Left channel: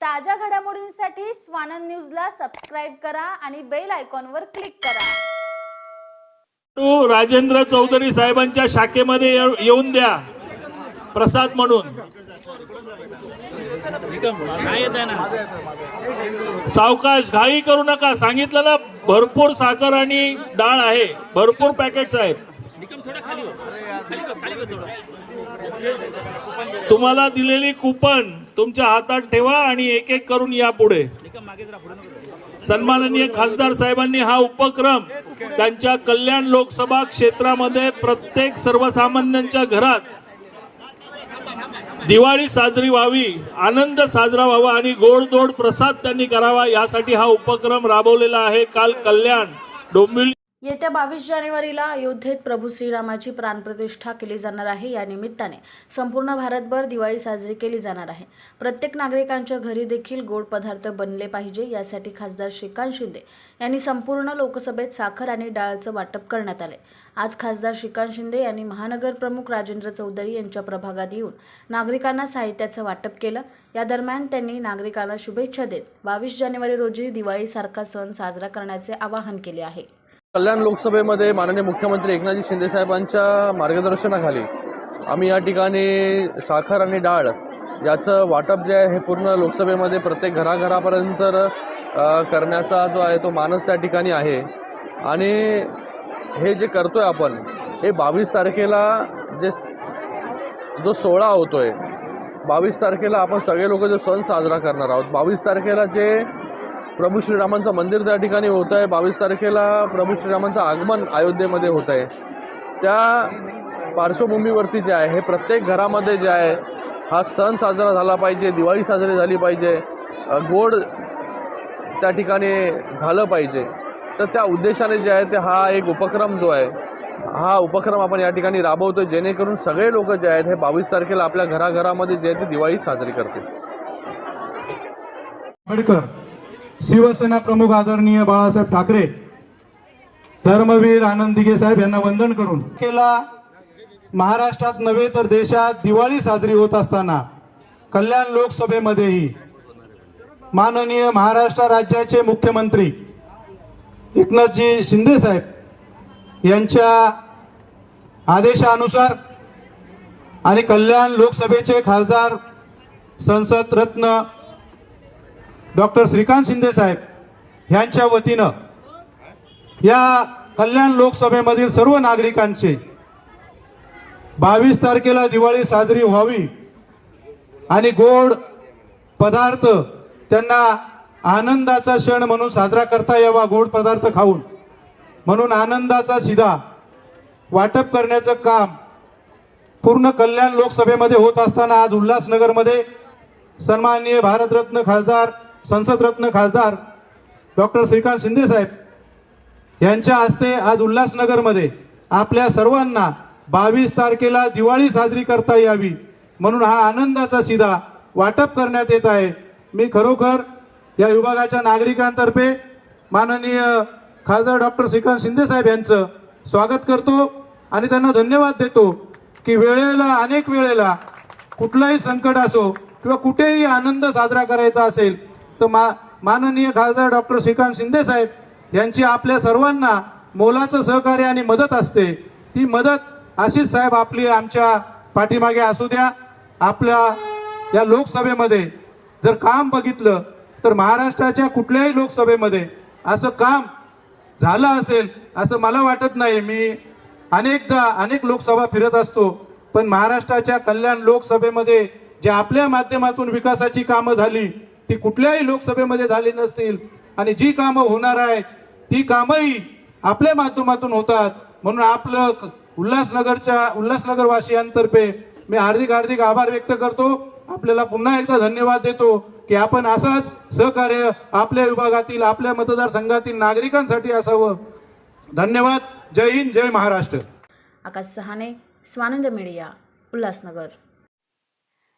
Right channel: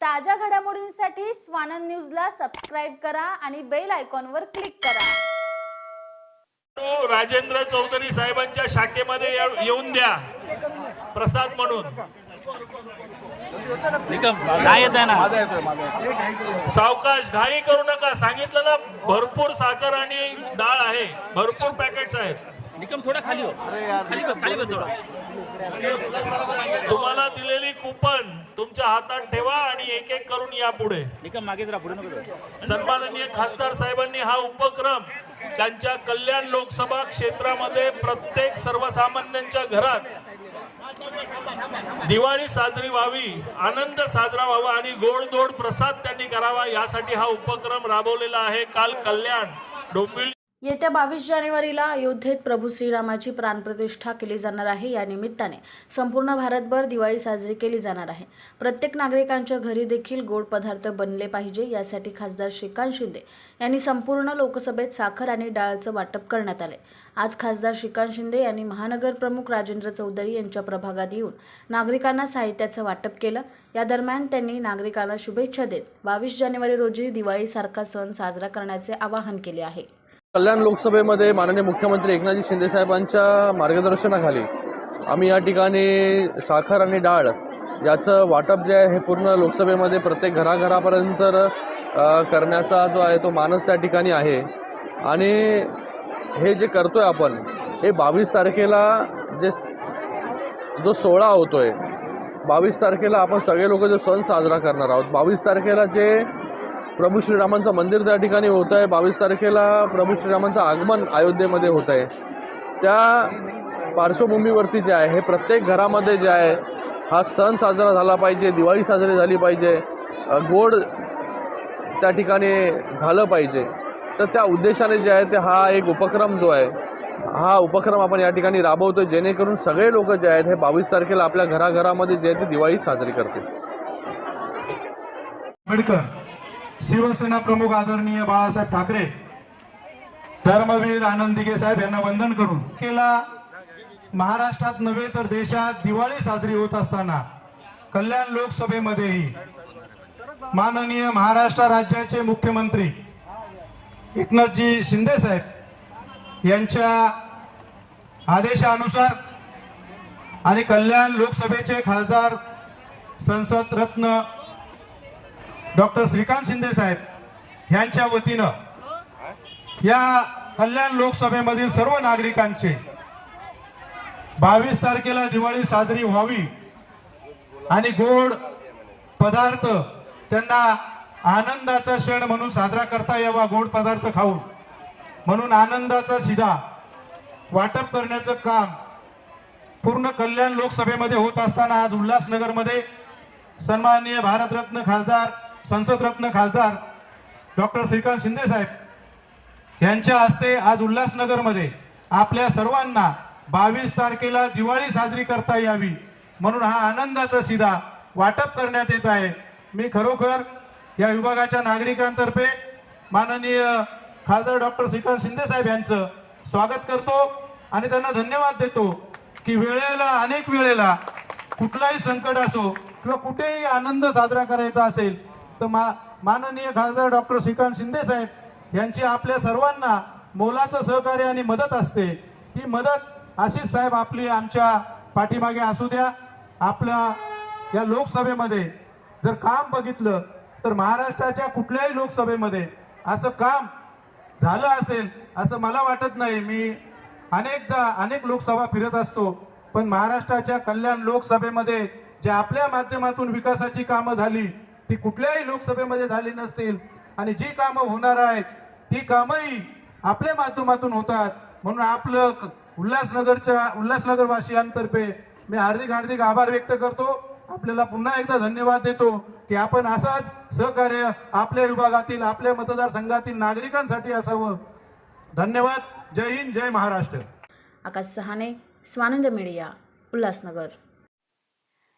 ताज्या घडामोडींसाठी स्वानंद न्यूजला सबस्क्राईब करा आणि बेल आयकॉनवर क्लिक करा. तो राजेंद्र चौधरी साहेबांच्या शाखेमध्ये ये- येऊन द्या. प्रसाद म्हणून. सावकाश घाई करू नका. सांगितलं ना भरपूर साखर आणि डाळ आहे. भरपूर पॅकेट्स आहेत. निकम थोडा खाली हो. खाली बस खाली बस थोडा. तुम्हाला दिलेली कुपन तुमच्या हातात ठेवा आणि एक एक करून या पुढे. सन्माननीय खासदार साहेबांनी हा उपक्रम त्यांच्या कल्याण लोकसभा क्षेत्रामध्ये प्रत्येक सर्वसामान्यांच्या घरात दिवाळी साजरी व्हावी आनंद साजरा व्हावा आणि गोडधोड प्रसाद त्यांनी करावा यासाठी हा उपक्रम राबवलेला आहे. काल कल्याण डोंबिवली येत्या बावीस जानेवारीला अयोध्येत प्रभू श्रीरामाची प्राणप्रतिष्ठा केली जाणार आहे. या निमित्ताने संपूर्ण भारतभर दिवाळी साजरी केली जाणार आहे. प्रत्येक नागरिकांच्या घरी देखील गोड पदार्थ बनले पाहिजे यासाठी खासदार श्रीकांत शिंदे यांनी संपूर्ण लोकसभेत साखर आणि डाळचं वाटप करण्यात आले. आज खासदार श्रीकांत शिंदे यांनी महानगर प्रमुख राजेंद्र चौधरी यांच्या प्रभागात येऊन नागरिकांना साहित्याचं वाटप केलं. या दरम्यान त्यांनी नागरिकांना शुभेच्छा देत बावीस जानेवारी रोजी दिवाळीसारखा सण साजरा करण्याचे आवाहन केले आहे. कल्याण लोकसभेमध्ये माननीय मुख्यमंत्री एकनाथजी शिंदेसाहेबांच्या मार्गदर्शनाखाली आम्ही या ठिकाणी साखर आणि डाळ याचं वाटप जे आहे हे पूर्ण लोकसभेमध्ये प्रत्येक घराघरापर्यंत करण्याचा जो आहे तो मानस त्या ठिकाणी आहे. आणि हे जे करतो आहे आपण हे बावीस तारखेला जे जो सोहळा आहे बावीस तारखेला आपण सगळे लोक जो सण साजरा करणार आहोत बावीस तारखेला जे प्रभू श्रीरामांचं मंदिर त्या ठिकाणी होत आहे. बावीस तारखेला प्रभू श्रीरामांचं आगमन अयोध्येमध्ये होत आहे. त्या पार्श्वभूमीवरती जे आहे हे प्रत्येक घरामध्ये जे आहे हा सण साजरा झाला पाहिजे दिवाळी साजरी झाली पाहिजे गोड त्या ठिकाणी झालं पाहिजे. तर त्या उद्देशाने जे आहे ते हा एक उपक्रम जो आहे हा उपक्रम आपण या ठिकाणी राबवतो जेणेकरून सगळे लोक जे आहेत हे बावीस तारखेला आपल्या घराघरामध्ये जे आहे ते दिवाळी साजरी करतील. आंबेडकर शिवसेना प्रमुख आदरणीय बाळासाहेब ठाकरे धर्मवीर आनंदिगे साहेब यांना वंदन करून केला महाराष्ट्रात नव्हे तर देशात दिवाळी साजरी होत असताना कल्याण लोकसभेमध्येही माननीय महाराष्ट्र राज्याचे मुख्यमंत्री एकनाथजी शिंदे साहेब यांच्या आदेशानुसार आणि कल्याण लोकसभेचे खासदार संसद रत्न डॉक्टर श्रीकांत शिंदे साहेब यांच्या वतीनं या कल्याण लोकसभेमधील सर्व नागरिकांचे बावीस तारखेला दिवाळी साजरी व्हावी आणि गोड पदार्थ त्यांना आनंदाचा क्षण म्हणून साजरा करता यावा गोड पदार्थ खाऊन. म्हणून आनंदाचा शिधा वाटप करण्याचं काम पूर्ण कल्याण लोकसभेमध्ये होत असताना आज उल्हासनगरमध्ये सन्माननीय भारतरत्न खासदार संसदरत्न खासदार डॉक्टर श्रीकांत शिंदे साहेब यांच्या हस्ते आज उल्हासनगरमध्ये आपल्या सर्वांना बावीस तारखेला दिवाळी साजरी करता यावी म्हणून हा आनंदाचा सीधा वाटप करण्यात येत आहे. मी खरोखर या विभागाच्या नागरिकांतर्फे माननीय खासदार डॉक्टर श्रीकांत शिंदे साहेब यांचं स्वागत करतो आणि त्यांना धन्यवाद देतो की वेळेला अनेक वेळेला कुठलाही संकट असो किंवा कुठेही आनंद साजरा करायचा असेल तर मा माननीय खासदार डॉक्टर श्रीकांत शिंदे साहेब यांची आपल्या सर्वांना मोलाचं सहकार्य आणि मदत असते. ती मदत अशीच साहेब आपली आमच्या पाठीमागे असू द्या. आपल्या या लोकसभेमध्ये जर काम बघितलं तर महाराष्ट्राच्या कुठल्याही लोकसभेमध्ये असं काम झालं असेल असं मला वाटत नाही. मी अनेकदा अनेक लोकसभा फिरत असतो पण महाराष्ट्राच्या कल्याण लोकसभेमध्ये जे आपल्या माध्यमातून विकासाची कामं झाली ती कुठल्याही लोकसभेमध्ये झाली नसतील. आणि जी कामं होणार आहेत ती कामंही आपल्या माध्यमातून होतात. म्हणून आपलं उल्हासनगरच्या उल्हासनगरवासियांतर्फे मी हार्दिक हार्दिक आभार व्यक्त करतो. आपल्याला पुन्हा एकदा धन्यवाद देतो की आपण असाच सहकार्य आपल्या विभागातील आपल्या मतदारसंघातील नागरिकांसाठी असावं. धन्यवाद. जय हिंद जय महाराष्ट्र. आकाश सहाने स्वानंद मीडिया उल्हासनगर.